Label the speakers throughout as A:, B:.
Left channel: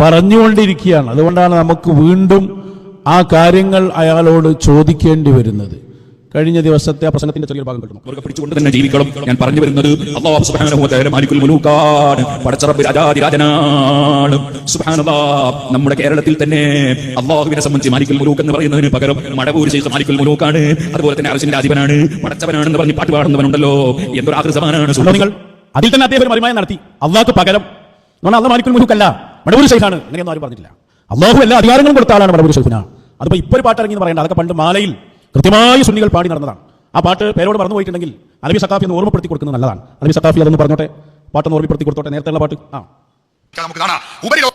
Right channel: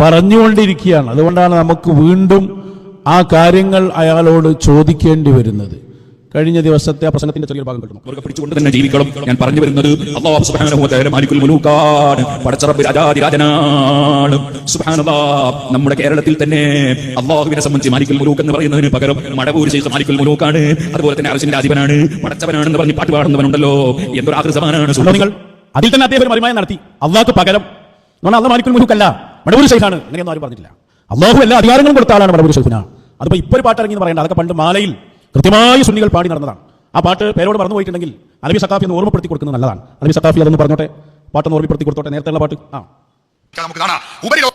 A: പറഞ്ഞുകൊണ്ടിരിക്കുകയാണ്. അതുകൊണ്ടാണ് നമുക്ക് വീണ്ടും ആ കാര്യങ്ങൾ അയാളോട് ചോദിക്കേണ്ടി വരുന്നത്. കഴിഞ്ഞ ദിവസത്തെ ആ പ്രസംഗത്തിന്റെ ചെറിയ ഭാഗം കിട്ടും.
B: അവർക്ക് പിടിച്ചുകൊണ്ട് തന്നെ ജീവിക്കണം. ഞാൻ പറഞ്ഞു വരുന്നത് അള്ളാഹു സുബ്ഹാനഹു മാലിക്കുൽ പടച്ചറബ് രാജാതിരാജനാണ് സുബ്ഹാനല്ലാഹ് നമ്മുടെ കേരളത്തിൽ തന്നെ അള്ളാഹുവിനെ സംബന്ധിച്ച് മാലിക്കുൽ മുലൂക്ക് എന്ന് പറയുന്നതിന് പകരം മടവൂർ ചെയ്ത മാലിക്കുൽ മുലൂക്കാണ്. അതുപോലെ തന്നെ അർശിന്റെ രാജീവനാണ് പടച്ചവനാണെന്ന് പറഞ്ഞ് പാട്ട് പാടുന്നവനുണ്ടല്ലോ എന്തൊരു
A: അപ്പോൾ നിങ്ങൾ അതിൽ തന്നെ അദ്ദേഹം ഒരു മറിമായം നടത്തി. അള്ളാഹ്ക്ക് പകരം. എന്നാൽ അള്ളാഹ് മാലിക്കുൽ മുലൂക്കല്ല. മടവൂർ ശൈഖാണ്. അങ്ങനെയൊന്നും ആരും പറഞ്ഞിട്ടില്ല. അള്ളാഹു എല്ലാ അധികാരങ്ങളും കൊടുത്ത ആളാണ് മടവൂർ ഷെയ്ഖിന അതിപ്പോ ഇപ്പൊ ഒരു പാട്ട് ഇറങ്ങി എന്ന് പറയേണ്ട. അതൊക്കെ പണ്ട് മാലയിൽ കൃത്യമായി സുന്നികൾ പാടി നടന്നതാണ്. ആ പാട്ട് പേരോട് മറന്നു പോയിട്ടുണ്ടെങ്കിൽ അലബി സക്കാഫി എന്ന് ഓർമ്മപ്പെടുത്തി കൊടുക്കുന്നത് നല്ലതാണ്. അലബി സക്കാഫി അതൊന്ന് പറഞ്ഞോട്ടെ? പാട്ടൊന്ന് ഓർമ്മപ്പെടുത്തി കൊടുത്തോട്ടെ? നേരത്തെ ഉള്ള പാട്ട്? ആ.
C: നമുക്ക് കാണാം. ഉപരിലോക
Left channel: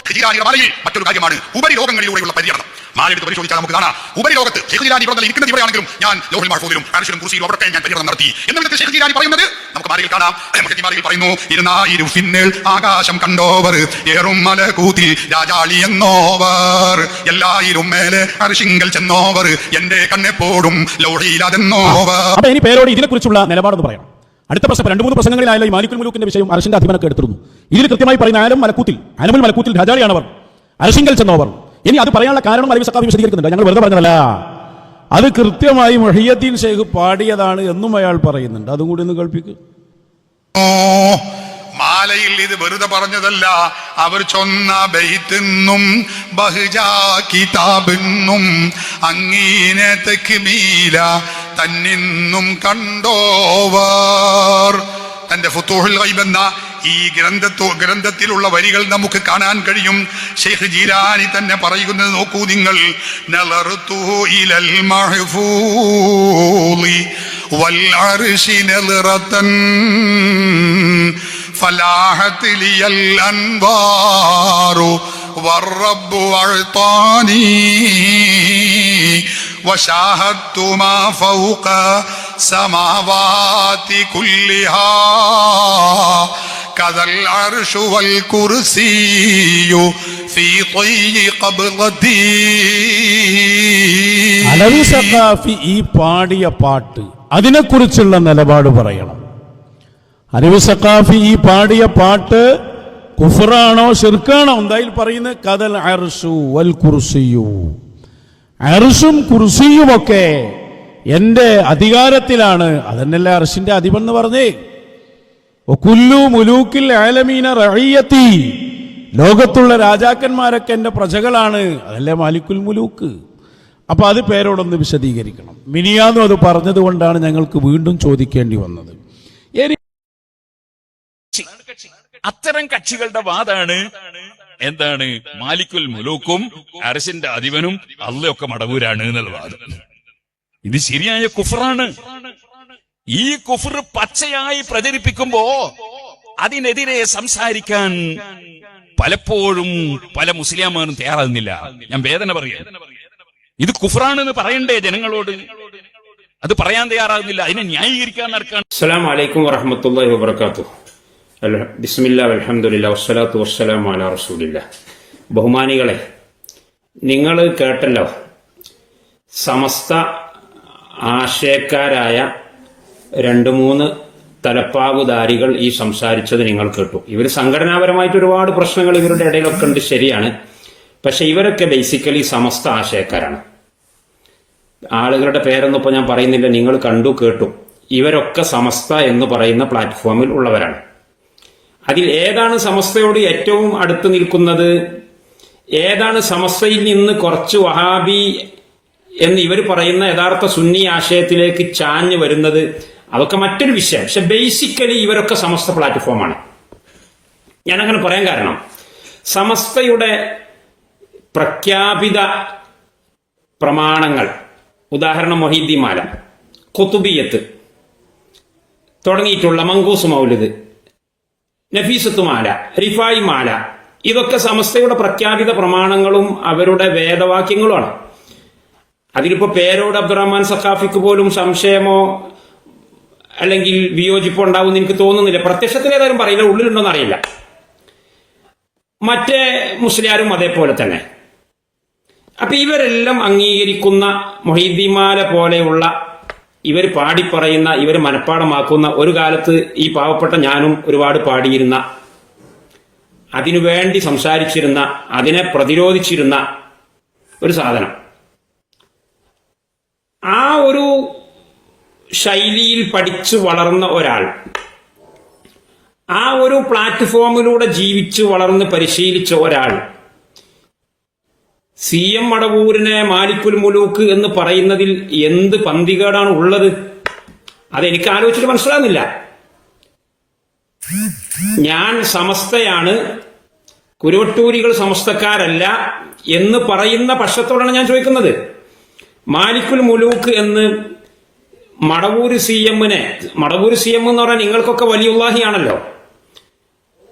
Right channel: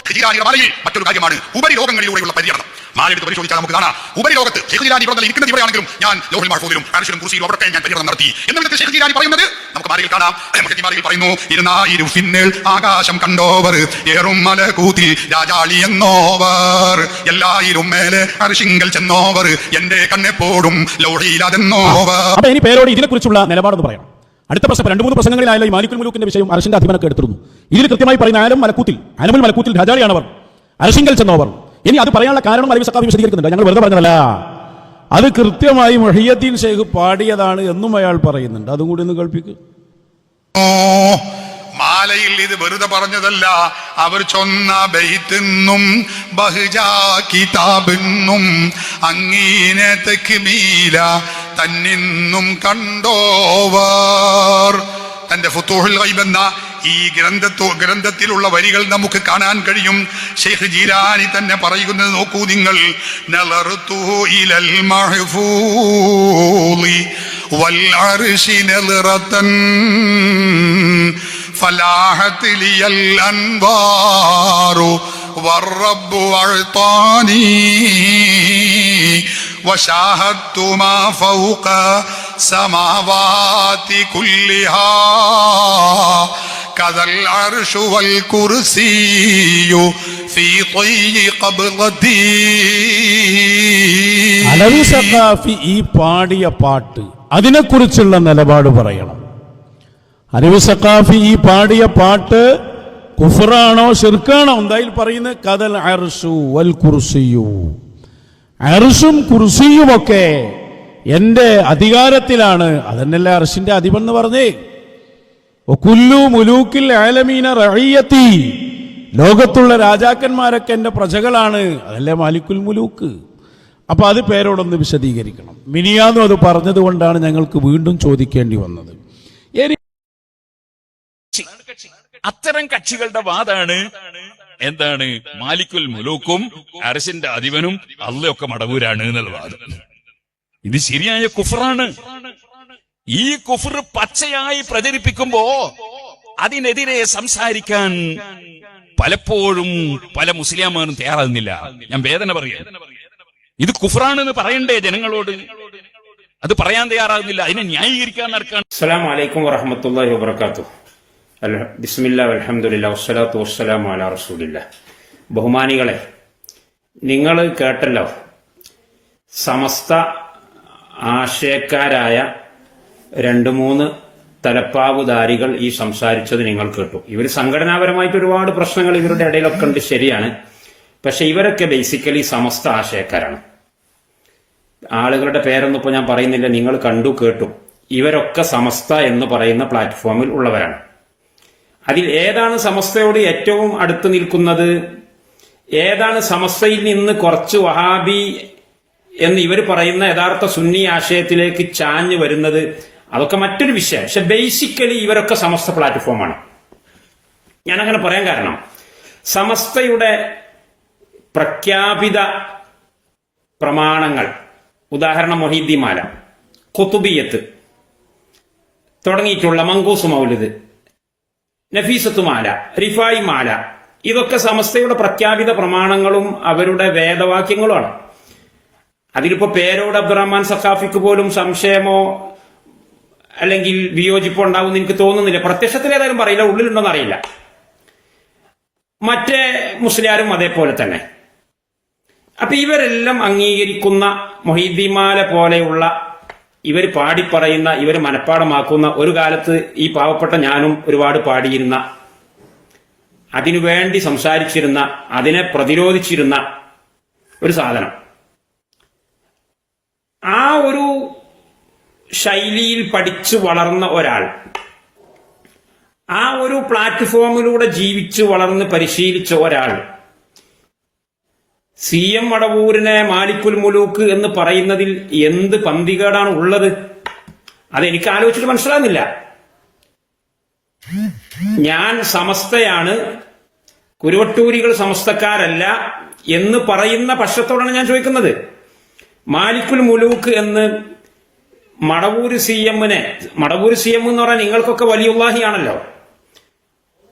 C: മറ്റൊരു കാര്യമാണ്. ഉപരിലോകങ്ങളിലൂടെയുള്ള പര്യടനം മാലെടുത്ത് പരിശോധിച്ചാൽ നമുക്ക് കാണാം. ഉപരിലോകത്ത് ഷെയ്ഖ് ജിലാനി ഇവിടെ ഇരിക്കുന്നത് ഞാൻ ലോഹിൽ മാർഫൂദിലും അരിശിലും കുറിച്ചിലും അവരൊക്കെ ഞാൻ പര്യടനം നടത്തി. എന്ന് വിധത്തിൽ ഷെയ്ഖ് ജിലാനി പറയുന്നത് നമുക്ക് മാറിയിൽ കാണാം. മാറിയിൽ പറയുന്നു ഇരുന്നായിരു ഫിന്നൽ ആകാശം കണ്ടോവർ ഏറും മല കൂത്തി രാജാളി എന്നോവർ. എല്ലായിരും മേലെ അരിശിങ്കൽ ചെന്നോവർ എന്റെ കണ്ണെപ്പോഴും ലോഹിയിലതെന്നോവർ
A: അപ്പൊ ഇനി പേരോട് ഇതിനെക്കുറിച്ചുള്ള നിലപാടെന്ന് പറയാം. അടുത്ത പ്രശ്നം രണ്ട് മൂന്ന് പ്രസംഗങ്ങളിലായാലും ഈ മാലിക്കുൽ മുലൂക്കിന്റെ വിഷയം അരശിന്റെ അധിപനൊക്കെ എടുത്തിരുന്നു ഇതിൽ കൃത്യമായി പറയുന്ന ആലം മലക്കൂത്തിൽ ആലമുൽ മലക്കൂത്തിൽ രാജാളിയാണവർ അരശിങ്കൽ ചെന്നവർ. ഇനി അത് പറയാനുള്ള കാരണം അലവി സക്കാഫി വിശദീകരിക്കുന്നുണ്ട്. ഞങ്ങൾ വെറുതെ പറഞ്ഞതല്ല. അത് കൃത്യമായി മൊഹിയദ്ദീൻ ഷെയ്ഖ് പാടിയതാണ് എന്നും അയാൾ പറയുന്നുണ്ട്. അതും കൂടി ഒന്ന്
C: കേൾപ്പിക്ക്. മാലയിൽ ഇത് വെറുതെ പറഞ്ഞതല്ല. അവർ ചൊന്ന ബെയ്ത്തിന്നും ബഹുജാ കിതാബെന്നും അങ്ങീനെ തെക്കുമീല തന്നിന്നും കണ്ടോവർ. തന്റെ ഫുത്തൂഹിൽ ഗൈബ് എന്ന ഈ ഗ്രന്ഥത്തോ ഗ്രന്ഥത്തിലുള്ള വരികൾ നമുക്ക് കാണാൻ കഴിയും ഷെയ്ഖ് ജീലാനി തന്നെ പറയുന്നത് നോക്കൂ നിങ്ങൾ നളറുത്തു ഇലൽ മഹ്ഫൂളി വൽ അർശി നളറത്തൻ فلاحت لي الأنوار والرب أعطاني وشاهدت ما فوق سماوات كلها كذا العرش والكرسي في طي قبضتي
A: അലവി സഖാഫി ഈ പാടിയ പാട്ട് അതിനെക്കുറിച്ചുള്ള നിലപാട് പറയണം അലവി സഖാഫി ഈ പാടിയ പാട്ട് കുഫറാണോ ഷിർക്കാണോ എന്തായാലും പറയുന്നത് കതൽ അർഷു വൽ കുർസിയു അർഷും കുർസിയും ഒക്കെ എന്റെ അധികാരത്തിലാണ് അതന്നല്ലേ അർഷിന്റെ അധിപൻ എന്ന് പറഞ്ഞേ കുല്ലു മുലൂക്കിൽ ആലമീന ലോകത്തുള്ള രാജാക്കന്മാരൊക്കെ എന്റെ പ്രജകളാണ്. അതല്ലേ മാലിക്കുൽ മുലൂക്ക്? അപ്പോൾ അത് പേരോടൊന്ന് വിശദീകരിക്കണം. മിനിയാന്നും അത് പറഞ്ഞതുകൊണ്ടാണ് ഞങ്ങൾക്ക് വീണ്ടും ചോദിക്കേണ്ടി വന്നത്.
B: അത്തരം കക്ഷികളുടെ വാദാണ്. എന്താണ്? മാലിക്കുൽ മുലൂക്കും അരസിന്റെ അധിപനും അല്ലയൊക്കെ മടവൂരാണ് എന്നുള്ള വാദം. ഇത് ശരിയായ കുഫറാണ്. ഈ കുഫർ പച്ചയായി പ്രചരിപ്പിക്കുമ്പോ അതിനെതിരെ സംസാരിക്കാൻ പലപ്പോഴും പല മുസ്ലിംമാരും തയ്യാറാകുന്നില്ല. ഞാൻ വേദന പറയാം. ഇത് കുഫറാണെന്ന് പറയണ്ടേ ജനങ്ങളോട്? അത് പറയാൻ തയ്യാറാകുന്നില്ല. അതിനെ ന്യായീകരിക്കാൻ നടക്കാൻ
D: അസ്സലാം വറഹമത്തല്ലാഹി വബർക്കാത്തു ബിസ്മില്ല വസ്സലാത്തു വസ്സലാം അല റസൂലില്ല. ബഹുമാനികളെ നിങ്ങൾ കേട്ടല്ലോ സമസ്ത ആശയക്കാരായ രണ്ട് മൂന്ന് തലപ്പാവുധാരികൾ ഈ സംസാരിച്ചത് നിങ്ങൾ കേട്ടു. ഇവർ സംഘടനാപരമായിട്ട് ഒരുപാട് പ്രശ്നങ്ങൾ ഇവരുടെ ഇടയിലൊക്കെ ഉണ്ട് ശരിയാണ്. പക്ഷെ ഇവരൊക്കെ ബേസിക്കലി സമസ്ത ആശയക്കാരാണ്. ആളുകളുടെ പേരൊന്നും ഇപ്പോൾ ഞാൻ പറയുന്നില്ല നിങ്ങൾ കണ്ടു കേട്ടു. ഇവരൊക്കെ സമസ്ത എന്ന് പറയുന്ന പ്ലാറ്റ്ഫോമിൽ ഉള്ളവരാണ്. അതിൽ ഏതാണ് സമസ്തയോട് ഏറ്റവും അടുത്ത് നിൽക്കുന്നത്? ഏതാണ് സമസ്തയിൽ നിന്ന് കുറച്ച് വഹാബി എന്ന് ഇവർ പറയുന്ന യഥാർത്ഥ സുന്നി ആശയത്തിലേക്ക് ചാഞ്ഞു വരുന്നത്? അതൊക്കെ മറ്റൊരു വിഷയം. പക്ഷെ ബേസിക്കലി ഇവരൊക്കെ സമസ്ത പ്ലാറ്റ്ഫോമാണ് ഞാൻ അങ്ങനെ പറയാൻ കാരണം സമസ്തയുടെ പ്രഖ്യാപിത പ്രമാണങ്ങൾ ഉദാഹരണം മൊഹീദ്ദിമാല കുത്തുബിയത്ത് തുടങ്ങിയിട്ടുള്ള മങ്കൂസ് മൗലത് നഫീസത്ത് മാല റിഫായി മാല ഇതൊക്കെ സമസ്തയുടെ പ്രഖ്യാപിത പ്രമാണങ്ങളും അവരുടെ വേദവാക്യങ്ങളുമാണ്. അതിലിപ്പോ പേരോട് അബ്ദുറഹ്മാൻ സഖാഫിക്ക് പോലും സംശയമോ അല്ലെങ്കിൽ വിയോജിപ്പ് ഉണ്ടാവുമെന്ന് എനിക്ക് തോന്നുന്നില്ല. പ്രത്യക്ഷത്തിൽ ഏതായാലും പറയില്ല. ഉള്ളിലുണ്ടോന്ന് അറിയില്ല. മറ്റേ മുസ്ലിയാരും അതേപോലെ തന്നെ. അപ്പൊ ഇവരെല്ലാം അംഗീകരിക്കുന്ന മൊഹീദ്ദിമാല പോലെയുള്ള ഇവർ പാടിപ്പറയുന്ന ഇവർ മനഃപ്പാടമാക്കുന്ന ഒരു കാലത്ത് ഈ പാവപ്പെട്ട ഞാനും ഒരുപാട് പാടിയിരുന്ന അതിനുവേണ്ടി സംസാരിച്ചിരുന്ന അതിനെ പ്രതിരോധിച്ചിരുന്ന ഒരു സാധനം. ആ ഒരു ശൈലിയിൽ പഠിച്ചു വളർന്ന ഒരാൾ. ആ ഒരു പ്ലാറ്റ്ഫോമിലൂടെ ജീവിച്ചു വളർന്ന് പരിശീലിച്ച ഒരാൾ. സി എം വടവൂരിനെ മാലിക്കുൽ മുലൂക്ക് എന്ന് പറയുന്നതിൽ എന്ത് പന്തികേടാണ് ഉള്ളത്? അതെനിക്ക് ആലോചിച്ചിട്ട് മനസ്സിലാകുന്നില്ല. ഞാൻ സമസ്തയാണ് കുരുവട്ടൂരികൾ സമസ്തക്കാരല്ല എന്ന് പറയുന്ന പക്ഷത്തോടാണ് ഞാൻ ചോദിക്കുന്നത്. മാലിക്കുൽ മുലൂക്ക് എന്ന് മടവൂര് സി എമ്മിനെ മടവൂര് സി എം എന്ന് പറഞ്ഞാൽ നിങ്ങൾക്കൊക്കെ വലിയുള്ളാഹിയാണല്ലോ.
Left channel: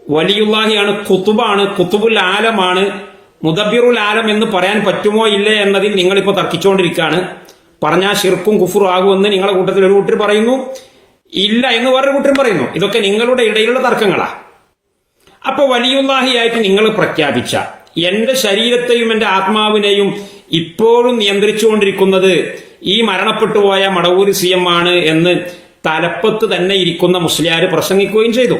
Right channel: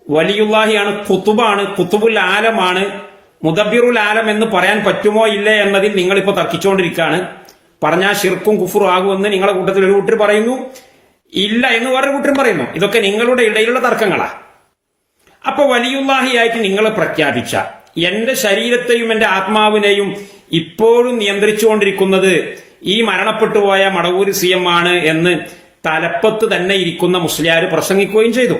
D: വലിയുള്ളാഹിയാണ് കുത്തുബാണ് കുത്തുബുൽ ആലമാണ് മുദബിറുൽ ആലം എന്ന് പറയാൻ പറ്റുമോ ഇല്ലേ എന്നതിൽ നിങ്ങളിപ്പോൾ തർക്കിച്ചുകൊണ്ടിരിക്കുകയാണ് പറഞ്ഞാൽ ഷിർക്കും കുഫുറും ആകുമെന്ന് നിങ്ങളുടെ കൂട്ടത്തിൽ ഒരു കൂട്ടർ പറയുന്നു. ഇല്ല എന്ന് വേറൊരു കൂട്ടർ പറയുന്നു. ഇതൊക്കെ നിങ്ങളുടെ ഇടയിലുള്ള തർക്കങ്ങളാ. അപ്പൊ വലിയുള്ളാഹിയായിട്ട് നിങ്ങൾ പ്രഖ്യാപിച്ച എന്റെ ശരീരത്തെയും എന്റെ ആത്മാവിനെയും ഇപ്പോഴും നിയന്ത്രിച്ചുകൊണ്ടിരിക്കുന്നത് ഈ മരണപ്പെട്ടുപോയ മടവൂരി സി എം ആണ് എന്ന് തലപ്പത്ത് തന്നെ ഇരിക്കുന്ന മുസ്ലിയാർ പ്രസംഗിക്കുകയും ചെയ്തു.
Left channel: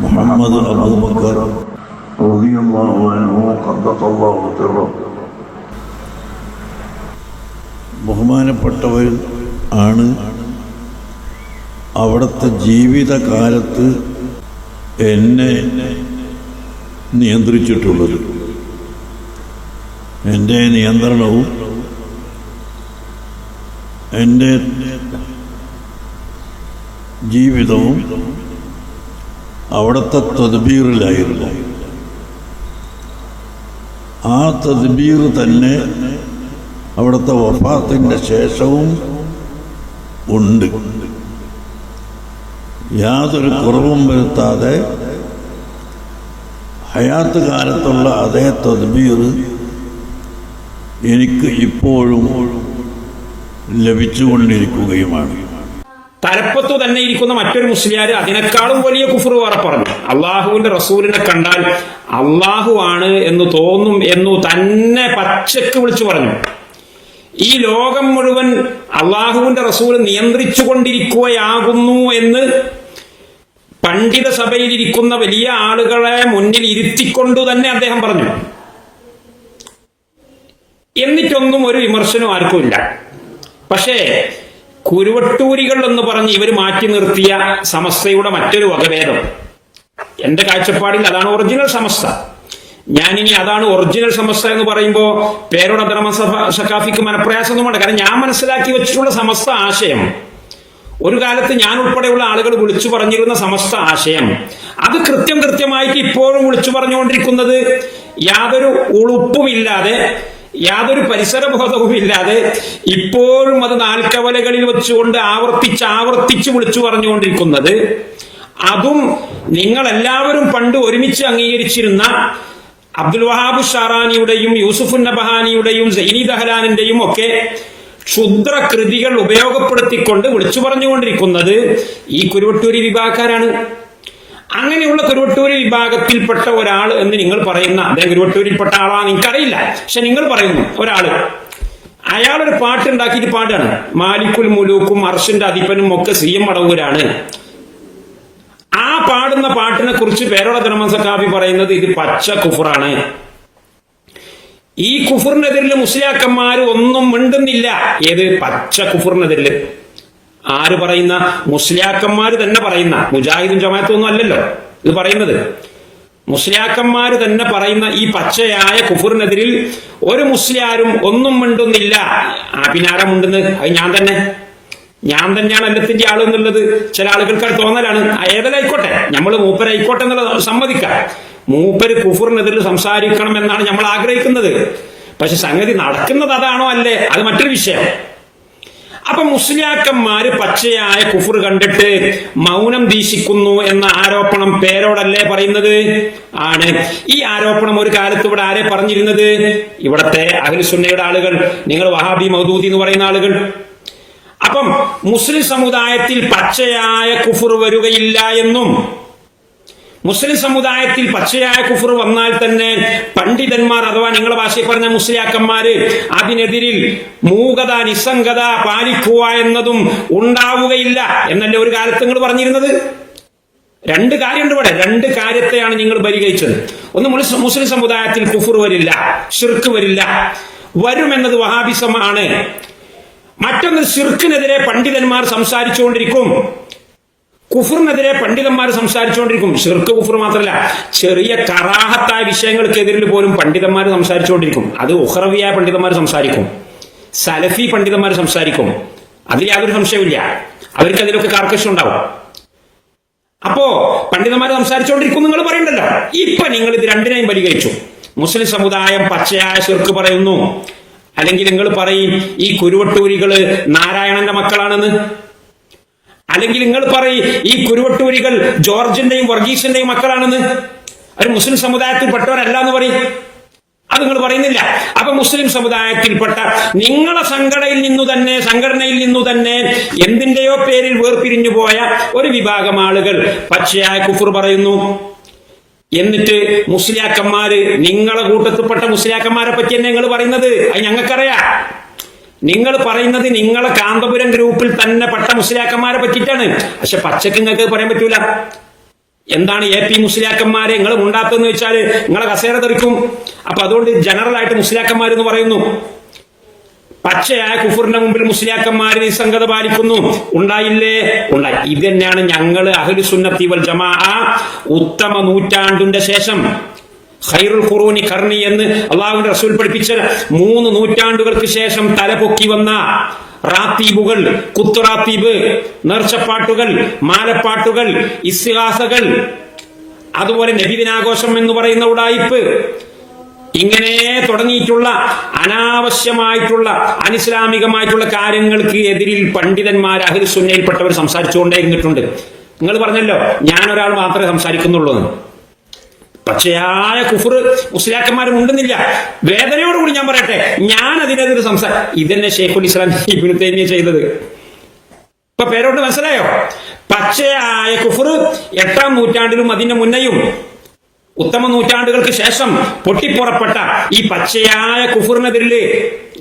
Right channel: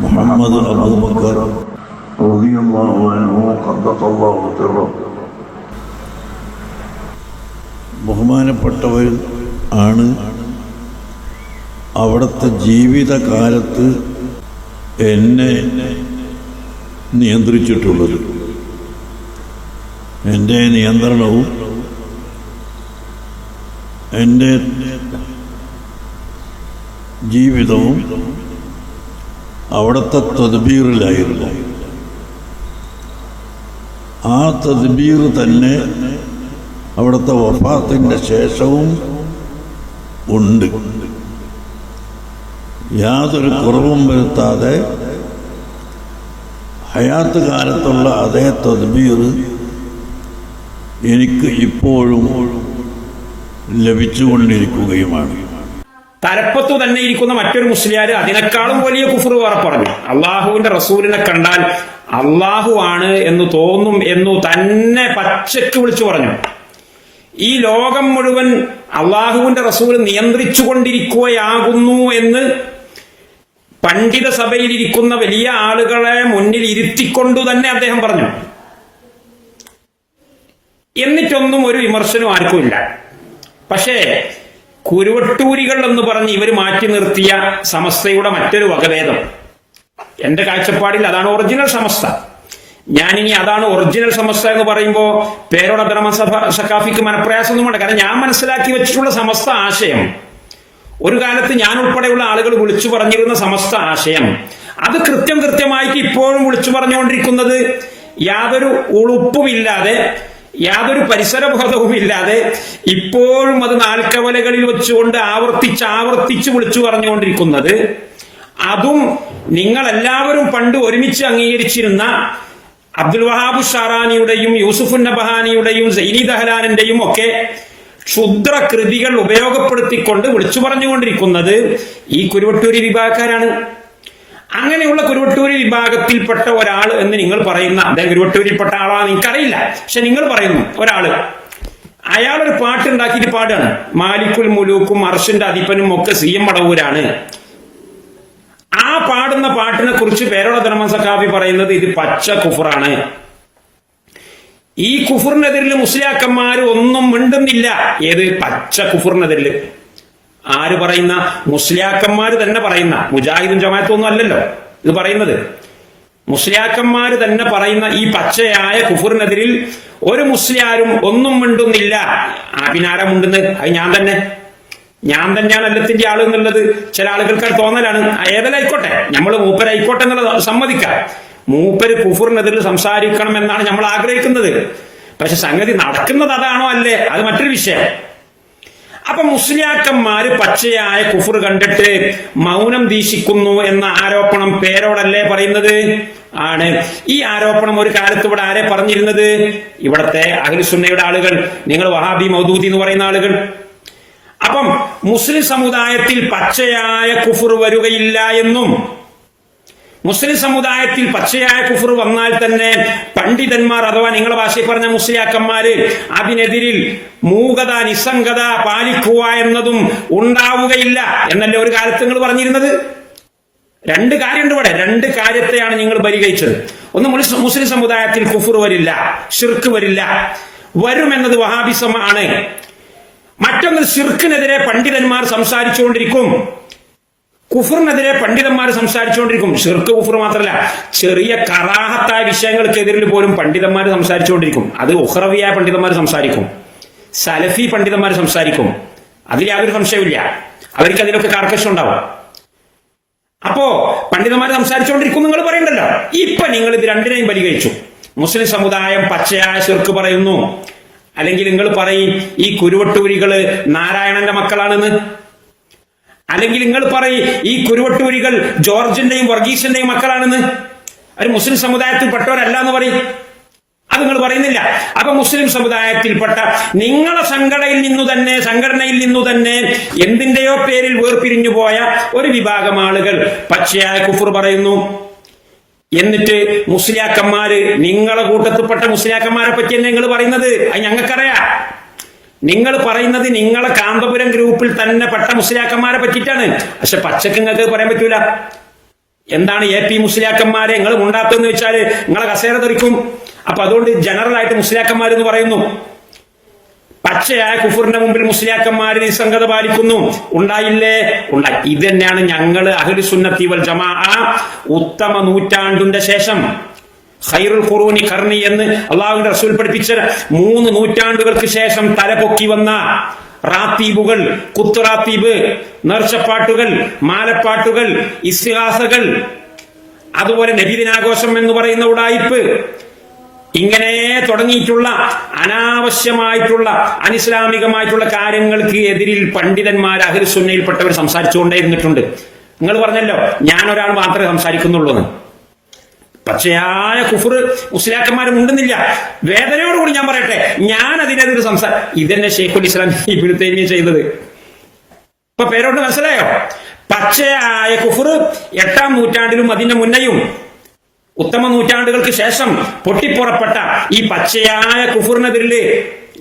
E: മുഹമ്മദ് അൻഹു ബഹുമാനപ്പെട്ടവർ ആണ് അവിടുത്തെ ജീവിതകാലത്ത് എന്നെ നിയന്ത്രിച്ചിട്ടുള്ളത്. എന്റെ നിയന്ത്രണവും എന്റെ ജീവിതവും അവിടുത്തെ തദ്ബീറിലായിരുന്നു. ആ തദ്ബീർ തന്നെ അവിടുത്തെ വഫാത്തിന്റെ ശേഷവും ഉണ്ട്. യാതൊരു കുറവും വരുത്താതെ ഹയാത്ത് കാലത്തുള്ള അതേ തദ്ബീർ എനിക്ക് ഇപ്പോഴും ലഭിച്ചുകൊണ്ടിരിക്കുകയുമാണ്.
D: തലപ്പത്തു തന്നെ ഇരിക്കുന്ന മറ്റൊരു മുസ്ലിയാർ അതിനേക്കാളും വലിയ കുഫർ വേറെ പറഞ്ഞു. അള്ളാഹുവിന്റെ റസൂലിനെ കണ്ടാൽ അള്ളാഹു ആണ് എന്ന് തോന്നും എന്നു തന്നെ പച്ചയ്ക്ക് വിളിച്ചു പറഞ്ഞു. ഈ ലോകം മുഴുവൻ അള്ളാഹുവിന്റെ റസൂൽ നിയന്ത്രിച്ചുകൊണ്ടിരിക്കുകയാകുന്നു എന്ന് പണ്ഡിത സഭയിലിരിക്കുന്ന വലിയ ആളുകളെ മുന്നിൽ ഇരുത്തിക്കൊണ്ടു തന്നെ അദ്ദേഹം പറഞ്ഞു. എന്നിട്ടൊന്നും ഒരു വിമർശനം ആർക്കുമില്ല. പക്ഷേ കുരുവട്ടൂരികൾ എന്ന് പറഞ്ഞ് ഇവർ മാറ്റി നിർത്തിയ സമസ്തയുടെ മറ്റൊരു വകഭേദം. എന്റെ കാഴ്ചപ്പാടിൽ അതാണ് ഒറിജിനൽ സമസ്ത. ഞാനിനി അതാണ് ഒറിജിനൽ സമസ്ത എന്ന് പറയുമ്പോൾ പേരോട് ധർമ്മസഭ സഖാഫിക്ക് മനപ്രയാസമൊന്നുമുണ്ട്. കാരണം ഞാൻ മനസ്സിലാക്കി വെച്ചിട്ടുള്ള സമസ്ത ആശയം ഒരു കാലത്ത് ഞാൻ ഉൾപ്പെടെയുള്ള ആളുകൾ വിളിച്ചു പറഞ്ഞിരുന്ന സമസ്ത ആശയം. അത് കൃത്യം കൃത്യമായിട്ട് ഇപ്പോഴും വിളിച്ചു പറഞ്ഞുകൊണ്ടിരിക്കുന്നത് യാതൊരു ഉളുപ്പുമില്ലാതെ യാതൊരു പരിസരബോധവും ഇല്ലാതെ ഇപ്പോഴും അത് നാൽക്കവലകളിൽ വെച്ചുകൊണ്ട് ആവർത്തിച്ച് ആവർത്തിച്ച് വിളിച്ചു പറഞ്ഞുകൊണ്ടിരിക്കുന്നത്. അതും നിങ്ങൾ എല്ലാവരും പണ്ട് ഒരുമിച്ച് അംഗീകരിച്ചിരുന്ന അബ്ദുൽ വഹാബ് ഷാറാനിയുടെയും യൂസുഫ് നബഹാനിയുടെയും സയ്യിദ് ദഹലാനിന്റെയും ഒക്കെ ക്ഷുദ്ര കൃതികൾ ഉപയോഗപ്പെടുത്തിക്കൊണ്ട് വിളിച്ചു പറഞ്ഞുകൊണ്ടിരിക്കുന്നത് ഈ കുരുവട്ടൂരി വിഭാഗക്കാരാണ്. അങ്ങനെയുള്ള കുരുവട്ടൂരി വിഭാഗത്തിൽപ്പെട്ട ഒരാൾ എന്ന് നിങ്ങൾ പറയുന്ന അദ്ദേഹം കുരുവട്ടൂരിൽപ്പെട്ട ആളാണ്. എനിക്കറിയില്ല പക്ഷെ നിങ്ങൾ പറയുന്നു ഒരാൾ. അയാൾ ഒരു പാട്ടുണ്ടാക്കിയിട്ട് പാടാണ്. മാലിക്കുൽ മുലൂക്കും അർഷിന്റെ അധിപനും ഒക്കെ സി എം മടവൂരാണ് ആ പാടുന്ന പാട്ടിനെ കുറിച്ച് പേരോള ധർമ്മസഖാബി പറയുന്നത് ഇത് പച്ച കുഫറാണ്. ഈ കുഫറിനെതിരിൽ മുസ്ലിയാക്കന്മാർ ഒന്നും മിണ്ടുന്നില്ല. ഏത്? പച്ച കുഫറിനെതിരിൽ ആര് പറയുന്ന? മുസ്ലിയാക്കന്മാർ തന്നെ പറയുന്ന. മുജാഹിദും ജമാഅത്തൊന്നും അല്ലല്ലോ. ഇത് പറയുന്നത്. മുസ്ലിയാക്കന്മാർ തന്നെ പറയുന്ന ഈ പച്ചയായ കുഫറിനെതിരിൽ ഒരു മുസ്ലിയാരും ഒന്നും മിണ്ടുന്നില്ല. ആ പിന്നാരം മിണ്ടുന്നത്? അത് ഞാൻ തന്നെ. ഞാൻ തന്നെയാണ് എല്ലാത്തിന്റെ ആളെന്നുള്ളത് ചില ആളുകൾക്ക് തോന്നലാണ്. ഏതായിക്കോട്ടെ നമ്മൾ മൂപ്പരായിക്കോട്ടെ എന്നുള്ളത് സമ്മതിക്കാം. മൂപ്പര് കുഫറിനെതിരെ സംസാരിക്കണം എന്നാണ് നമ്മൾ ആഗ്രഹിക്കുന്നത്. പക്ഷെ സംഗതി നടക്കുന്നത് അതാണോ അല്ലേ? അത് മറ്റൊരു വിഷയം. അപ്പൊ മുസ്ലിയാക്കന്മാര് പച്ചയായ കുഫർ കണ്ടിട്ട് മൗനം വീശിക്കുന്നു എന്ന ആരോപണം പേരോടല്ലേ പറയുന്നത്? ആണ്. ഈ ആരോപണം ഒരു കാലത്ത് ഇവിടെ ആരെ പറഞ്ഞിരുന്നത്? ഇവിടത്തെ അഖിൽസുന്നയുടെ ആളുകൾ നിങ്ങൾ വഹാബി മൗദൂദി എന്ന് പറയുന്ന ആളുകൾ. അപ്പം മുസ്ലിം സമുദായത്തിൽ പച്ചയായ കുഫർ വരികയില്ല എന്നും മുസ്ലിം സമുദായത്തിൽ പച്ചയായ കുഫർ വന്നാൽ തന്നെ പണ്ഡിതന്മാർ അഥവാ നിങ്ങളുടെ ഭാഷയിൽ പറഞ്ഞ മുസ്ലിയാക്കന്മാര് അതിനെതിരിൽ മൂകത നിസ്സംഗത പാലിക്കുക എന്നതും ഉണ്ടാവുകയില്ല എന്നല്ലേ ഒരു കാലത്ത് നിങ്ങൾ പറഞ്ഞിരുന്നത്? രണ്ട് കാര്യമുണ്ട് ഇവിടെ. രണ്ട് കാര്യത്തെയാണ് നിങ്ങൾ പരിഗണിച്ചത് ഒന്ന് മുസ്ലിം സമുദായത്തിൽ കുഫർ വരില്ല ഷിർക്ക് വരില്ല. വരുമെന്നത് വഹാബിസമാണ്. മറ്റൊന്ന് ഷിർക്കിനെതിരെ പണ്ഡിതന്മാർ സംസാരിച്ചുകൊണ്ടിരിക്കും. കുഫറിനെതിരെ പണ്ഡിതന്മാർ സംസാരിച്ചുകൊണ്ടിരിക്കും. ഷിർക്ക് കുഫർ മാത്രമല്ല ചെറിയ കറാഹത്തായ വിഷയങ്ങൾക്കെതിരിൽ പോലും പണ്ഡിതന്മാർ സംസാരിച്ചുകൊണ്ടിരിക്കും. അത് ഉഹ്റവിയായ പണ്ഡിതന്മാർ സംസാരിക്കും. സലഫി പണ്ഡിതന്മാർ സംസാരിക്കും. അതിൽ യാതൊരു സംശയമില്ല അവർക്ക് അതിലൊക്കെ കർക്കശം ഉണ്ടാവും. അപ്പോ പണ്ഡിതന്മാർ സംസാരിച്ചുകൊണ്ടിരിക്കും നിങ്ങൾ പറയണ്ടല്ലോ. ഇപ്പൊ നിങ്ങൾ ഇത് രണ്ടിനെയും പരിഗണിച്ചു. മുസ്ലിം സമുദായം പച്ചയായ ശിർക്ക് പറയുന്നു. അല്ലെങ്കിൽ നിങ്ങൾ പറയും ഈ കുരുവട്ടൂരികൾ നാരായണന്റെ മക്കളാണെന്ന്. അല്ലെങ്കിൽ നിങ്ങൾ പറയും ഈ കുരുവട്ടൂരികൾ ജോർജിന്റെയും വർഗീസിന്റെയും മക്കളാണെന്ന്? ഒരു മുസ്ലിം സമുദായത്തിൽപ്പെട്ടവരല്ല എന്ന് പറയും. അത് നിങ്ങൾ പറയുന്നില്ല. അപ്പൊ മുസ്ലിം സമുദായത്തിൽപ്പെട്ട നിങ്ങളെ സംഘടനയിൽ നിന്നു തന്നെ സംഘടനയിൽ നിന്നു തന്നെ എന്തിന്റെയോ പേരിൽ വേർപിരിഞ്ഞു പോയ ഒരു വിഭാഗം ആളുകൾ പച്ചയായ കുഫർ പറയുന്നു. എന്നിട്ട് മുസ്ലിയാക്കന്മാര് നിങ്ങളെ കൂട്ടത്തിൽപ്പെട്ട മുസ്ലിയാക്കന്മാരെ പറ്റി നിങ്ങൾ പറയുന്നത്? അത് ഞങ്ങൾക്കറിയാം. നിങ്ങൾ പറയുന്നത് നിങ്ങളെ കാന്തപുരം ഗ്രൂപ്പിൽ തന്നെ പെട്ട മുസ്ലിയാക്കന്മാരെ പറ്റിയിട്ടാണ്. പക്ഷെ പച്ചക്ക് നിങ്ങൾക്ക് പറയാൻ പറ്റൂല. എന്താണ് എ പി മുസ്ലിയാക്കന്മാരെ നിങ്ങൾ ഉണ്ടാത്തെന്ന് വെച്ചാൽ നിങ്ങളെ കസേര തെറിക്കും. അപ്പൊ അതുകൊണ്ട് ജനറൽ ആയിട്ട് മുസ്ലിയാക്കന്മാർ എന്ന് പറയുന്നു. പച്ചയായ കുഫറിന്റെ മുമ്പിൽ മുസ്ലിയാക്കന്മാർ നിസ്സംഗത പാലിക്കുന്നു. ഉണ്ടായില്ലേ? ഉണ്ടായി. ഇത് തന്നെയാണ് ഞങ്ങൾ അഹുൽ സുന്നത്തി വൽ ജമാ ഉത്തമ നൂറ്റാണ്ടിന്റെ ശേഷം. ഖൈറുൽ ഖുറൂനി കർണി എന്ന് അള്ളാഹുവിന്റെ റസൂൽ പഠിപ്പിച്ച മൂന്ന് നൂറ്റാണ്ടുകൾക്ക് ശേഷം തലപൊക്കി വന്ന റാത്തീബുകൾ കുത്തുറാത്തീബ് നേർച്ചപ്പാട്ടുകൾ മാലപ്പാട്ടുകൾ ഇസ്തിഹാസകൾ അതുപോലെ നബിദിനാഘോഷം എന്ന് പറയുന്ന ഉടായിപ്പ് ഇങ്ങനെ തുടങ്ങിയിട്ടുള്ള അനാവശ്യമായിട്ടുള്ള അനിസ്ലാമികമായിട്ടുള്ള കാര്യങ്ങൾക്ക് എതിരിൽ പണ്ഡിതന്മാർ അഹിർ സുന്നയിൽപ്പെട്ടവർ സംസാരിച്ചുകൊണ്ടേ ഇരുന്നിട്ടുണ്ട് നിങ്ങൾ പറഞ്ഞല്ലോ ഞാൻ ഒരാൾ മാത്രമേ സംസാരിക്കുന്നുള്ളൂ. പച്ചയായ കുഫർ മുസ്ലിയാക്കന്മാരും ഉണ്ടെന്നില്ല. വേദനയോടുകൂടി ഞാൻ പറയട്ടെ. ഞാൻ അതിനെതിരെ സംസാരം ഇതന്നെ ഷെയ്ഖുൽ ഇസ്ലാം ഇബിനു തൈമിയ ചെയ്തത്. ഇപ്പൊ പേരോട്ട് മനസ്സിലായോ? പച്ചയായ കുഫർ എട്ടാം നൂറ്റാണ്ടിലും അതിന്റെ മുന്നെയും ഉത്തമ നൂറ്റാണ്ടുകൾക്ക് ശേഷം പൊട്ടിപ്പുറപ്പെട്ട ഈ പച്ചയായ കുഫുറിനെതിരിൽ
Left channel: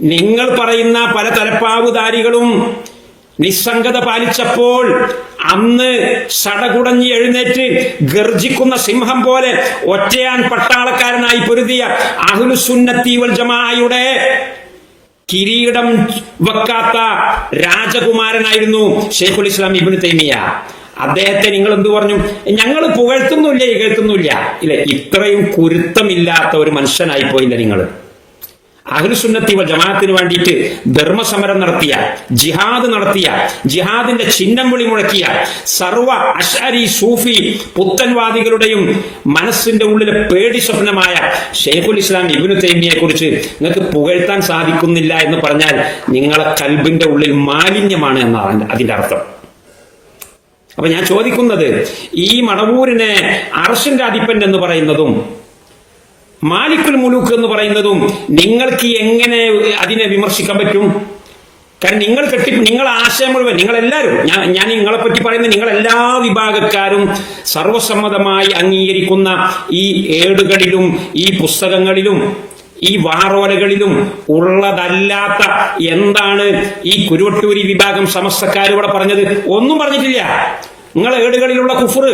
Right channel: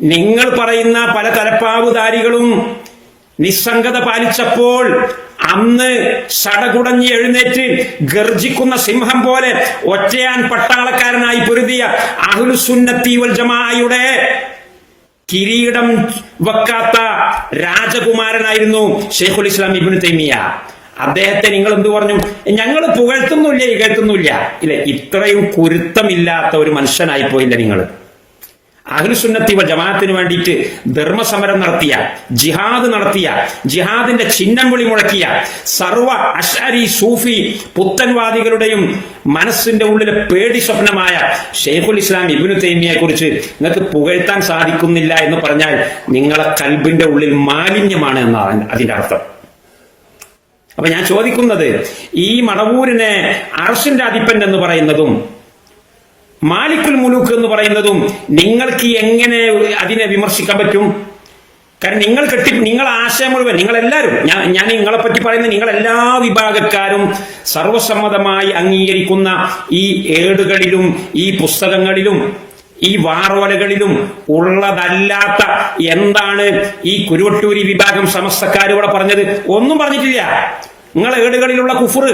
D: നിങ്ങൾ പറയുന്ന പല തലപ്പാവുധാരികളും നിസ്സംഗത പാലിച്ചപ്പോൾ അന്ന് സടകുടഞ്ഞ് എഴുന്നേറ്റ് ഗർജിക്കുന്ന സിംഹം പോലെ ഒറ്റയാൻ പട്ടാളക്കാരനായി പൊരുതിയ അഹ്ലുസുന്നത്തി വൽ ജമാഅയുടെ കിരീടം വെക്കാത്ത രാജകുമാരനായിരുന്നു ഷെയ്ഖുൽ ഇസ്ലാം ഇബിന് തൈമിയ അദ്ദേഹത്തെ നിങ്ങൾ എന്ത് പറഞ്ഞു? ഞങ്ങൾ പുകഴ്ത്തുന്നില്ല ഇകഴ്ത്തുന്നില്ല ഇല്ല ഇത്രയും കുരുത്തമില്ലാത്ത ഒരു മനുഷ്യനായി പോയില്ല നിങ്ങൾ. അഹ്ലുസുന്നത്തി വൽ ജമാഅത്തിന് വേണ്ടിയിട്ട് ധർമ്മസമരം നടത്തിയ ജിഹാദ് നടത്തിയ ജിഹാദിന്റെ ചിഹ്നം വിളി മുഴക്കിയ സർവ അഷാരി സൂഫി പുത്തൻവാദികളുടെയും മനസ്സിന്റെ ഉള്ളിലെ പേടി സ്വപ്നമായ ഷെയ്ഖുൽ ഇസ്ലാം ഇബ്നു തൈമിയെ കുറിച്ച് നിങ്ങൾക്ക് പുകഴ്ത്താൻ സാധിക്കുന്നില്ല എന്ന് പറഞ്ഞാൽ നിങ്ങളെ കൽബിന്റെ ഉള്ളിൽ മാലിന്യമാണ് എന്നാണ് അതിന്റെ അർത്ഥം. അപ്പൊ ഞാൻ ചോദിക്കുന്നത് ഈ മണവൂരിനെ അർഷിന്റെ അധിപ്പൻ എന്ന് പറയുന്നതും മാലിക്കുൽ മുലൂക്ക് എന്ന് പറയുന്നതും നിങ്ങൾക്ക് എങ്ങനെ അതിനെ വിമർശിക്കാൻ പറ്റും? കാരണം നിങ്ങൾ കെട്ടി നിങ്ങൾ ആശയം മുഴുവൻ നിങ്ങൾ എല്ലാവരും ഞാൻ ഞാൻ നിങ്ങളെ പറ്റി പറയുന്നത് നിങ്ങൾ എല്ലാ വിഭാഗക്കാരും സർവസമ്മതമായി അംഗീകരിക്കുന്ന ഈ ഏടുകളിലും ഈ പുസ്തകങ്ങളിലും ഈ വാറോലകളിലും ഉള്ളതല്ലാത്ത എന്താണ് ഈ കുരുവട്ടൂരി വിഭാഗം സമസ്തക്കാരിവിടെ പറഞ്ഞത്? ഒന്നും പറഞ്ഞിട്ടില്ല. നിങ്ങളെ ഏടുകളിലുള്ള കുഫർ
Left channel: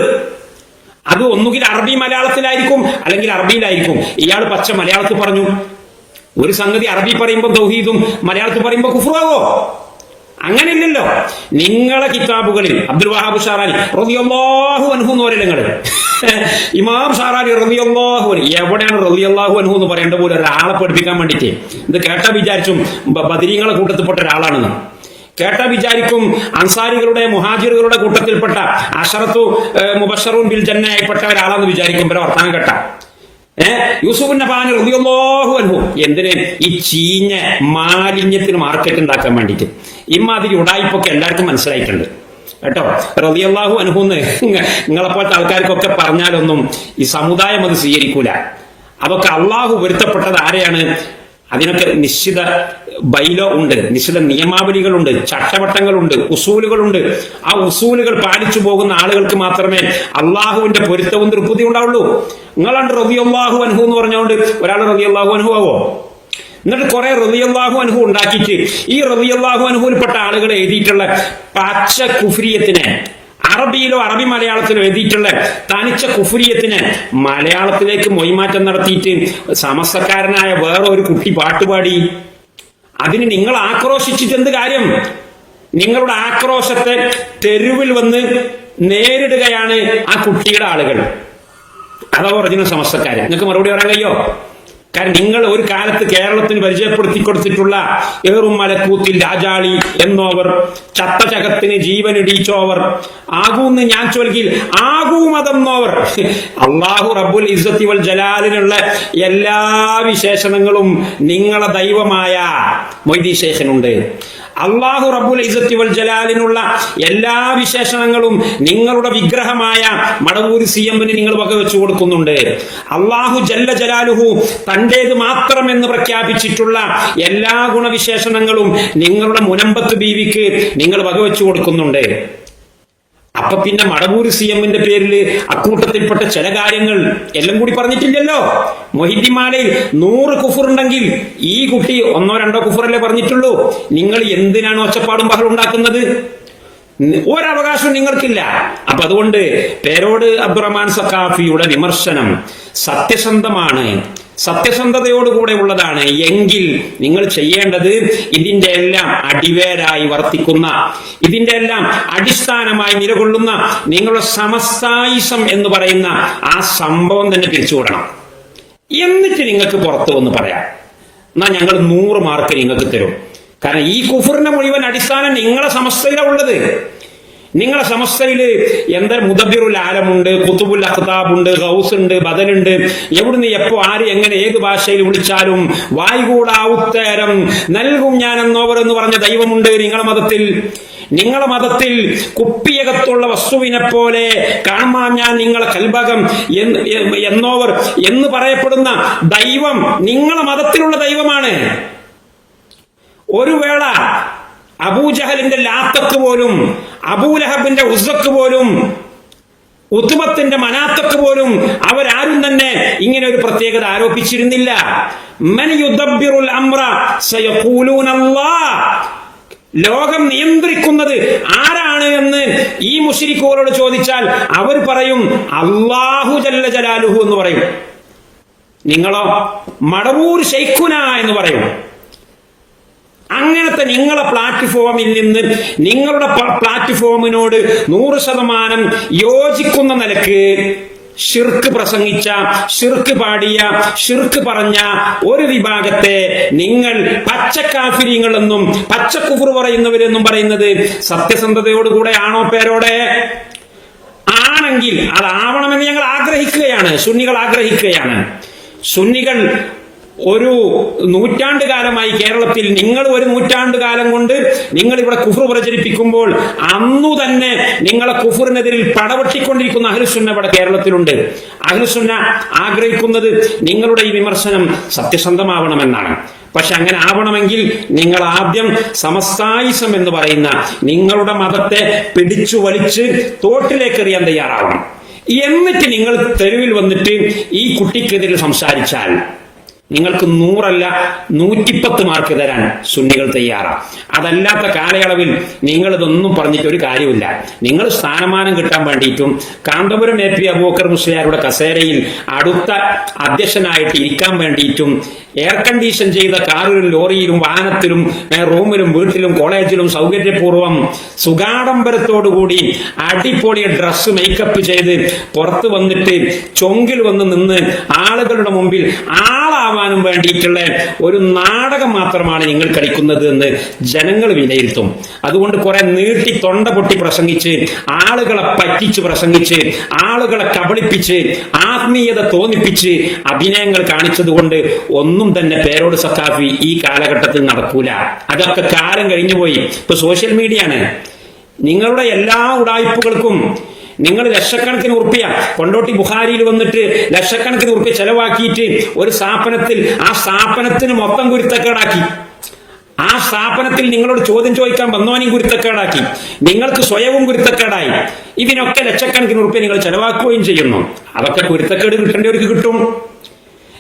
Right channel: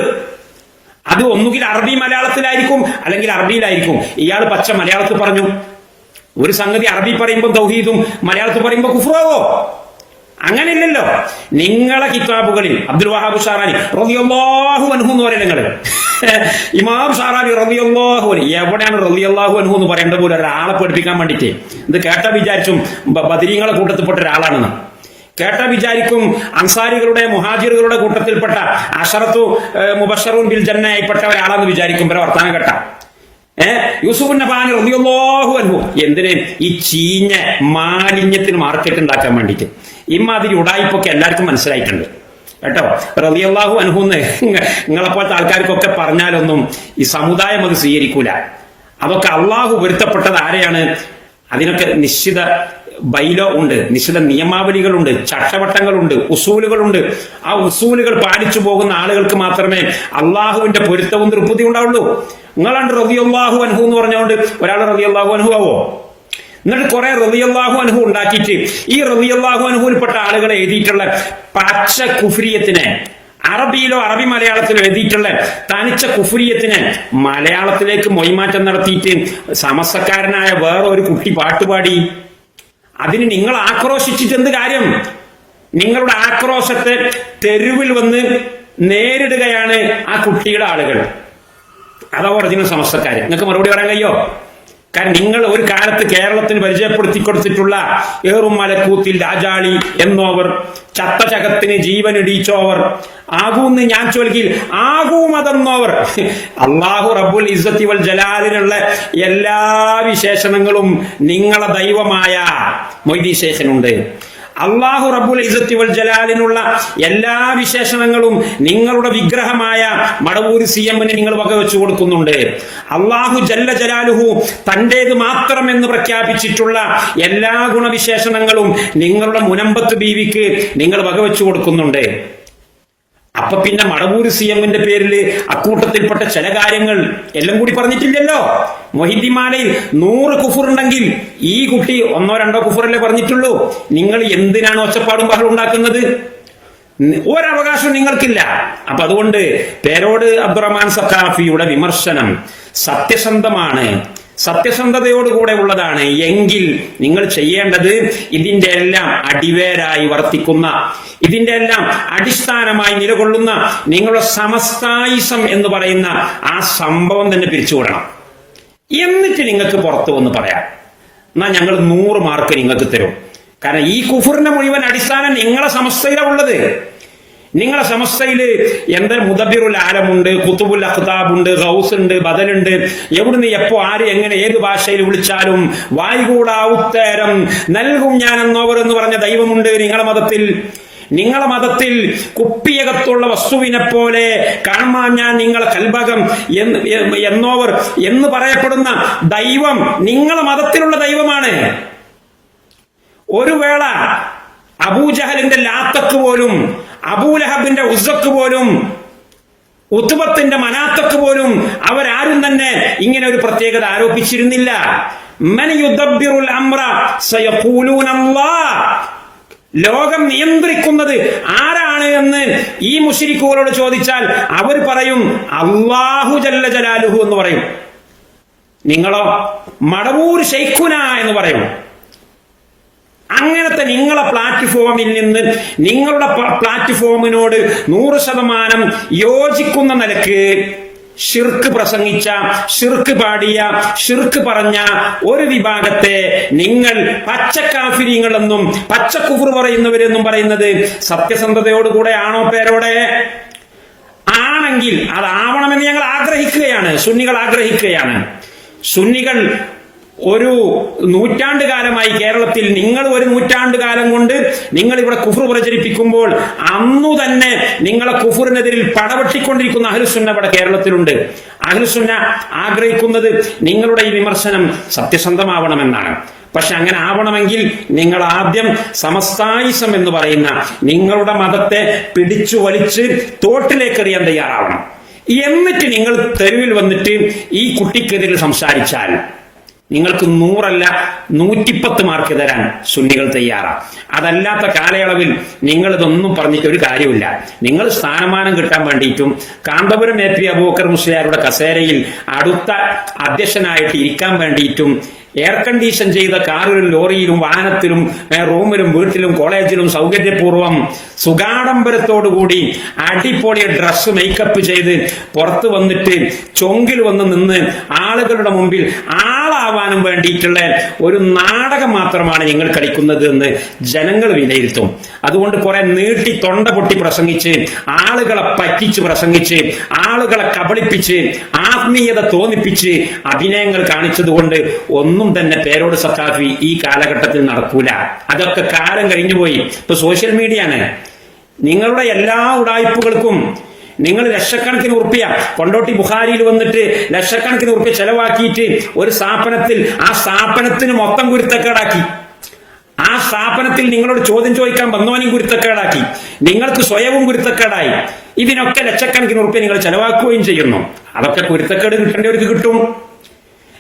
D: അത് ഒന്നുകിൽ അറബി മലയാളത്തിലായിരിക്കും അല്ലെങ്കിൽ അറബിയിലായിരിക്കും. ഇയാൾ പച്ച മലയാളത്തിൽ പറഞ്ഞു. ഒരു സംഗതി അറബി പറയുമ്പോൾ തൗഹീദും മലയാളത്തിൽ പറയുമ്പോൾ കുഫ്രാവോ അങ്ങനെയില്ലല്ലോ. നിങ്ങളെ കിതാബുകളിൽ അബ്ദുൽ വഹാബ് ഷാറാനി റബിയാഹു അൻഹു എന്ന് പറയുന്നത് നിങ്ങൾ ഇമാം ഷാറാനി റബിയാഹു എവിടെയാണ് റബിയാഹു അൻഹു എന്ന് പറയേണ്ട പോലെ ഒരാളെ പഠിപ്പിക്കാൻ വേണ്ടിയിട്ട്? ഇത് കേട്ട വിചാരിച്ചും ബദരീങ്ങളെ കൂട്ടത്തിൽപ്പെട്ട ഒരാളാണെന്ന്. കേട്ട വിചാരിക്കും അൻസാരികളുടെ മുഹാജിറുകളുടെ കൂട്ടത്തിൽപ്പെട്ട അഷറത്തു മുബഷറും ബിൽ ജന്നയായിപ്പെട്ട ഒരാളെന്ന് വിചാരിക്കും. ഇവരെ വർത്താനം കേട്ട. ഏ യൂസുഫ് അൻഹു. എന്തിന്? ഈ ചീഞ്ഞ മാലിന്യത്തിന് മാർക്കറ്റ് ഉണ്ടാക്കാൻ വേണ്ടിയിട്ട്. ഇമ്മാതിരി ഉടായിപ്പൊക്കെ എല്ലാവർക്കും മനസ്സിലായിട്ടുണ്ട്. കേട്ടോ? റളിയല്ലാഹു അൻഹു എന്ന് നിങ്ങളെപ്പോലത്തെ ആൾക്കാർക്കൊക്കെ പറഞ്ഞാലൊന്നും ഈ സമുദായം അത് സ്വീകരിക്കൂല. അതൊക്കെ അള്ളാഹു വരുത്തപ്പെട്ടത് ആരെയാണ്? അതിനൊക്കെ നിശ്ചിത ബൈലോ ഉണ്ട് നിശ്ചിത നിയമാവലികളുണ്ട് ചട്ടവട്ടങ്ങളുണ്ട് ഉസൂലുകളുണ്ട്. ആ ഉസൂലുകൾ പാലിച്ചു പോകുന്ന ആളുകൾക്ക് മാത്രമേ അള്ളാഹുവിന്റെ പൊരുത്തവും തൃപ്തി ഉണ്ടാവുള്ളൂ. നിങ്ങളാണ് റബി അള്ളാഹു അൻഹു എന്ന് പറഞ്ഞുകൊണ്ട് ഒരാൾ റബിയുള്ളാഹു അൻഹു ആവോ? എന്നിട്ട് കുറെ റബിയുള്ളാഹു അനുഭവം ഉണ്ടാക്കിയിട്ട് ഈ റബിയുള്ളാഹു അൻഹുവിൽപ്പെട്ട ആളുകളെ എഴുതിയിട്ടുള്ള പച്ച കുഫ്രിയത്തിനെ അറബിയിലോ അറബി മലയാളത്തിലോ എഴുതിയിട്ടുള്ള തനിച്ച കുഫുരിയത്തിന് മലയാളത്തിലേക്ക് മൊയ്മാറ്റം നടത്തിയിട്ട് സമസ്തക്കാരനായ വേറെ ഒരു കുട്ടി പാട്ടുപാടി. അതിന് നിങ്ങൾ ആക്രോശിച്ചിട്ട് എന്ത് കാര്യം? നിങ്ങളുടെ ആക്രോശത്തെ തെരുവിൽ വന്ന് നേരിടുകയാണ് ആ കുട്ടിയുടെ ആളുകൾ. അതാ ഒറിജിനൽ സമസ്തക്കാരൻ നിങ്ങൾക്ക് മറുപടി പറയാൻ കഴിയോ? കാരണം നിങ്ങൾ ഒരു കാലത്ത് കേരളത്തിന് പരിചയപ്പെടുത്തി കൊടുത്തിട്ടുള്ള ഏറും മലക്കൂത്തിൽ രാജാളി എന്നോവർ ചത്തചകത്തിന് ജീവൻ ഇടിച്ചോവർ ആകൂന്ന് ഞാൻ ചൊൽകിൽ ആകൂ മതെന്നോവർ അള്ളാഹു റബ്ബുൽ ഇസ്സത്തി വൽ ജലാലിനുള്ള എല്ലാ വിശേഷണങ്ങളും നിങ്ങളെ ദൈവമായ മൊയ്തീശേഷനുണ്ട് അള്ളാഹു റബുൽ ഇസത്തി വൽ ജലാലിനുള്ള എല്ലാ വിശേഷണങ്ങളും നിങ്ങളുടെ വിഗ്രഹമായ മടവൂര് സി എമ്മിന് നിങ്ങൾ വകവെച്ചു കൊടുക്കുന്നുണ്ട്. അള്ളാഹു ജല്ല ജലാലുഹു തന്റേത് മാത്രമെന്ന് പ്രഖ്യാപിച്ചിട്ടുള്ള എല്ലാ ഗുണവിശേഷണങ്ങളും നിങ്ങളുടെ മുനമ്പത്ത് ബീവിക്ക് നിങ്ങൾ വകവെച്ചു കൊടുക്കുന്നുണ്ട്. അപ്പൊ പിന്നെ മടവൂര് സി എമ്മിന്റെ പേരിൽ അക്കൂട്ടത്തിൽപ്പെട്ട ചില കാര്യങ്ങൾ എല്ലാം കൂടി പറഞ്ഞിട്ടില്ലല്ലോ. മൊഹിദ്ദിമാലയിൽ നൂറ് കുഫറുണ്ടെങ്കിൽ ഈ കുട്ടി ഒന്നോ രണ്ടോ കുഫറല്ലേ പറഞ്ഞിട്ടുള്ളൂ. നിങ്ങൾ എന്തിനാണ് ഒച്ചപ്പാടും ബഹളം ഉണ്ടാക്കുന്നത്? ഒരവകാശവും നിങ്ങൾക്കില്ല. അപ്പൊ അതുകൊണ്ട് പേരോട് അബ്ദുറഹ്മാൻ സഖാഫിയുടെ വിമർശനം സത്യസന്ധമാണ്. സത്യസന്ധതയോടുകൂടെ ഉള്ളതാണ് എങ്കിൽ നിങ്ങൾ ചെയ്യേണ്ടത് ഇതിന്റെ എല്ലാം അടിവേരായി വർത്തിക്കുന്ന ഇതിന്റെ എല്ലാം അടിസ്ഥാനമായി നിലകൊള്ളുന്ന നിങ്ങളുടെ സമസ്തായുസം എന്ന് പറയുന്ന ആ സംഭവം തന്നെ പിരിച്ചുവിടണം എന്നിട്ട് നിങ്ങൾക്ക് പുറത്തു വന്ന് പറയാം. എന്നാ ഞങ്ങൾ നൂറ് മാർക്ക് നിങ്ങൾക്ക് തരും. കാരണം ഈ കുഫറിന്റെ മുഴുവൻ അടിസ്ഥാനം നിങ്ങളെ സമസ്തയിലാണ് ഉള്ളത്. നിങ്ങളെ സമസ്തയിൽ എന്താ മുദബിറുൽ ആലമുണ്ട് കുത്തുബുൽ അഖ്താബുണ്ട് ഹൗസ് ഉണ്ട് ബദലുണ്ട്. എവിടുന്ന് എപ്പോ ആര് എങ്ങനെ ഏത് ഭാഷയിൽ വിളിച്ചാലും വായുകൂടാവുത്തേരം നൽകും ഞാൻ എന്നോവർ എന്ന് പറഞ്ഞ ദൈവമുണ്ട് നിങ്ങളെ മതത്തിൽ. നിങ്ങളെ മതത്തിൽ കുപ്പിയകത്തുള്ള വസ്തുവിനെ പോലെ കാണാൻ ഞാൻ നിങ്ങളെ കൽഭകം എന്ന് എന്നോവർ എന്ന് പറയപ്പെടുന്ന ദൈവം നിങ്ങളെ മതത്തിലുള്ള ദൈവമാണ്. ഒരു വേള അബൂജഹലിന്റെ ലാത്തക്ക് പോലും അബൂലഹബിന്റെ ഉസക്ക് പോലും ഉത്തുബത്തിന്റെ മനാത്തക്ക് പോലും അവരാരും തന്നെ ഇങ്ങനെ ഒരു പ്രത്യേകത ആരോപിച്ചിരുന്നില്ല. ലോകം നിയന്ത്രിക്കുന്നത് ആരാണ് എന്ന് ഈ മുഷിരിക്കുകളോട് ചോദിച്ചാൽ അവർ പറയും അള്ളാഹു ജല്ല ജലാലുഹു എന്ന് പറയും. നിങ്ങളോ മടവൂർ ഷെയ്ഖുന എന്ന് പറയും. അങ്ങനത്തെ നിങ്ങളെ പ്ലാറ്റ്ഫോമിൽ നിന്ന് നിങ്ങളുടെ പ്ലാറ്റ്ഫോമിനോട് നൂറ് ശതമാനം യോജിക്കുന്ന നിലയ്ക്ക് ഷിർക്ക് പ്രസംഗിച്ച ഷിർക്ക് പാടിയ ഷിർക്ക് പറഞ്ഞ ഒരു വിഭാഗത്തെ നിങ്ങൾ പച്ചക്കാഫിര്യങ്ങളെന്നും പച്ചക്കുഫർ പറയുന്നവരെന്നും പറയുന്നത് സത്യസന്ധതയോടുകൂടെ ആണോ പേരോടെ? ആണെങ്കിൽ അതാവണമെന്ന് ഞങ്ങൾ ആഗ്രഹിക്കുകയാണ്. സുന്നികൾ ആഗ്രഹിക്കുകയാണ്. സുന്നികൾ ഒരു നൂറ്റാണ്ട് കാലമായി കേരളത്തിൽ നിങ്ങൾ ഒരു നൂറ്റാണ്ട് കാലം കൊണ്ട് നിങ്ങൾ ഇവിടെ കുഫർ പ്രചരിപ്പിക്കുമ്പോൾ അന്നു തന്നെ നിങ്ങളെ കുഫറിനെതിരിൽ പടവെട്ടിക്കൊണ്ടിരിക്കുന്ന അഹ്ലുസുന്ന ഇവിടെ കേരളത്തിലുണ്ട്. അഹ്ലുസുന്ന ആഗ്രഹിക്കുന്നത് നിങ്ങളുടെ ഈ വിമർശനം സത്യസന്ധമാവണമെന്നാണ്. പക്ഷെ അങ്ങനെ ആവണമെങ്കിൽ നിങ്ങൾ ആദ്യം സമസ്തായിസം എന്ന് പറയുന്ന നിങ്ങളുടെ മതത്തെ പിടിച്ചു വലിച്ച് തോട്ടിലേക്ക് എറിയാൻ തയ്യാറാവണം. എന്നിട്ട് നിങ്ങൾ തെരുവിൽ വന്നിട്ട് ഈ കുട്ടിക്കെതിരെ സംസാരിച്ചാൽ നിങ്ങൾക്ക് നൂറല്ല നൂറ്റിപ്പത്ത് മാർക്ക് തരാൻ സുന്നികൾ തയ്യാറാണ് അതല്ലാത്ത കാലയളവിൽ നിങ്ങൾ ഇതൊന്നും പറഞ്ഞിട്ട് ഒരു കാര്യമില്ല. നിങ്ങൾ സ്ഥാനമാനം കിട്ടാൻ വേണ്ടിയിട്ടും കാന്തപുരം എ പി അബൂക്കർ മുസ്ലിയാരുടെ കസേരയിൽ അടുത്ത അധ്യക്ഷനായിട്ട് ഇരിക്കാൻ വേണ്ടിയിട്ടും എയർ കണ്ടീഷൻ ചെയ്ത കാറിലും ലോറിയിലും വാഹനത്തിലും റൂമിലും വീട്ടിലും കോളേജിലും സൗകര്യപൂർവം സുഗാഡംബരത്തോടുകൂടി അടിപൊളി ഡ്രസ്സ് മേക്കപ്പ് ചെയ്ത് പുറത്തു വന്നിട്ട് ചൊങ്കിൽ വന്ന് നിന്ന് ആളുകളുടെ മുമ്പിൽ ആളാവാനും വേണ്ടിയിട്ടുള്ള ഒരു നാടകം മാത്രമാണ് നിങ്ങൾ കളിക്കുന്നത് എന്ന് ജനങ്ങൾ വിലയിരുത്തും. അതുകൊണ്ട് കുറെ നീട്ടി തൊണ്ട പൊട്ടി പ്രസംഗിച്ച് ആളുകളെ പറ്റിച്ച് പ്രസംഗിച്ച് ആളുകളെ കബളിപ്പിച്ച് ആത്മീയത തോന്നിപ്പിച്ച് അഭിനയങ്ങൾ കാണിച്ചതുകൊണ്ട് ഒന്നും തന്നെ പേരോട് സത്താഫി ഈ കാലഘട്ടത്തിൽ നടക്കൂല. അതൊക്കെ കാലം കഴിഞ്ഞുപോയി. ഇപ്പൊ സോഷ്യൽ മീഡിയ ആണ് നിങ്ങളുടെ എല്ലാ ഉടായ്പകൾക്കും നിങ്ങൾ ലക്ഷക്കണക്കിന് ഉറുപ്പിയ കൊണ്ടോട്ടി ബുഹാരിയിൽ വന്നിട്ട് ലക്ഷക്കണക്കിന് ഉറുപ്പിയ ചെലവാക്കിയിട്ട് ഒരു സ്ഥാപനത്തിൽ ആ സ്ഥാപനത്തിന് മൊത്തം കുരുത്തക്കേടാക്കി ആ സ്ഥാപനത്തിൽ നിങ്ങളോട് ചോദ്യം ചോദിക്കാൻ വന്നോനെയും കുരുത്തക്കേടാക്കി നിങ്ങൾക്ക് സ്വയവും കുരുത്തക്കേടായി ഇതിനൊക്കെ ലക്ഷക്കണക്കിന് ഉറപ്പിയ നിങ്ങൾ ചെലവാക്കുകയും ചെയ്യുന്നു. അതൊക്കെ കുരുത്തക്കേട് കിട്ടേണ്ടവർക്ക് കിട്ടും.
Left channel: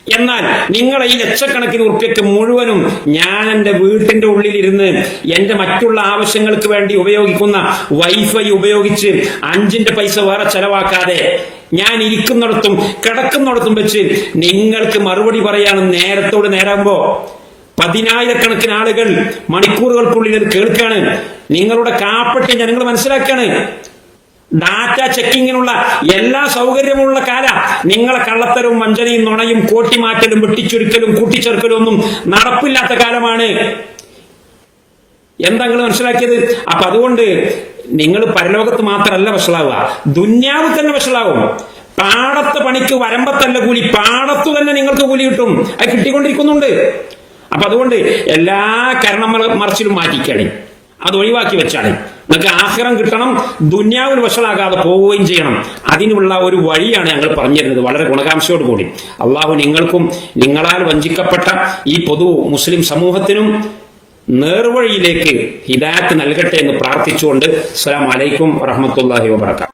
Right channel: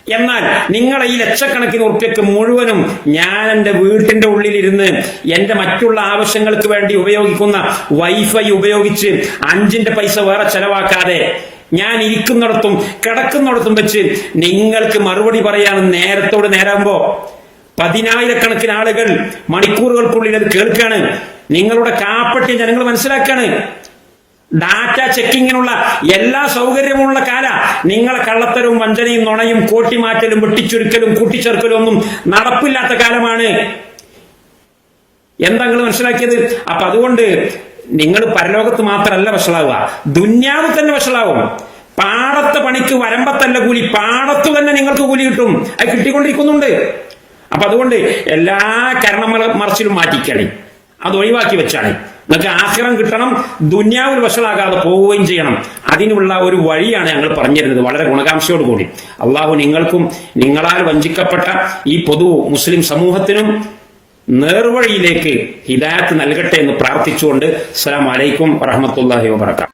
D: എന്നാൽ നിങ്ങൾ ഈ ലക്ഷക്കണക്കിന് ഉറുപ്പ്യക്ക് മുഴുവനും ഞാൻ എന്റെ വീട്ടിന്റെ ഉള്ളിലിരുന്ന് എന്റെ മറ്റുള്ള ആവശ്യങ്ങൾക്ക് വേണ്ടി ഉപയോഗിക്കുന്ന വൈഫൈ ഉപയോഗിച്ച് അഞ്ചിന്റെ പൈസ വേറെ ചെലവാക്കാതെ ഞാൻ ഇരിക്കുന്നിടത്തും കിടക്കുന്നിടത്തും വെച്ച് നിങ്ങൾക്ക് മറുപടി പറയാൻ നേരത്തോട് നേരാകുമ്പോ പതിനായിരക്കണക്കിന് ആളുകൾ മണിക്കൂറുകൾക്കുള്ളിൽ കേൾക്കാണ്. നിങ്ങളുടെ കാപ്പട്ടി ജനങ്ങൾ മനസ്സിലാക്കാണ്. ഡാറ്റ ചെക്കിങ്ങിനുള്ള എല്ലാ സൗകര്യമുള്ള കാല. നിങ്ങളെ കള്ളത്തരവും വഞ്ചനയും നുണയും കോട്ടിമാറ്റലും വെട്ടിച്ചുരുക്കലും കൂട്ടിച്ചേർക്കലും ഒന്നും നടപ്പില്ലാത്ത കാലമാണ്. എന്താ മനസ്സിലാക്കിയത്? അപ്പൊ അതുകൊണ്ട് നിങ്ങൾ പരലോകത്ത് മാത്രമല്ല വഷളാവുക. ദുന്യാവ് തന്നെ വഷളാവും. പാടത്തെ പണിക്ക് വരമ്പത്തല്ല കൂലി പാടത്തു തന്നെ നിങ്ങൾക്ക് കൂലി കിട്ടും. അത് കിട്ടിക്കൊണ്ടിരിക്കുന്നുണ്ട്. അപ്പൊ അതുകൊണ്ട് എല്ലാ കരണം മറച്ചിലും മാറ്റിക്കാണ്. അത് ഒഴിവാക്കി വെച്ചാണ്. നിങ്ങൾക്ക് ആഹ്റം കിട്ടണം ദുന്യാവിൽ വഷളാകാതെ പോവുകയും ചെയ്യണം. അതിനുള്ള ഒരു വഴിയാണ് ഞങ്ങൾ പറഞ്ഞിരുന്നത്. വളരെ ഗുണകാംക്ഷയോട് കൂടി അള്ളാഹു നിങ്ങൾക്കും നിങ്ങളാൽ വഞ്ചിക്കപ്പെട്ട ഈ പൊതു മുസ്ലിം സമൂഹത്തിനും നേർവഴിയിലേക്ക് ഹിദായത്ത് നൽകട്ടെ എന്ന് പ്രാർത്ഥിച്ചുകൊണ്ട് അസ്സാം വലൈക്കും വറഹമത്തല്ലാഹി വബറകാതുഹു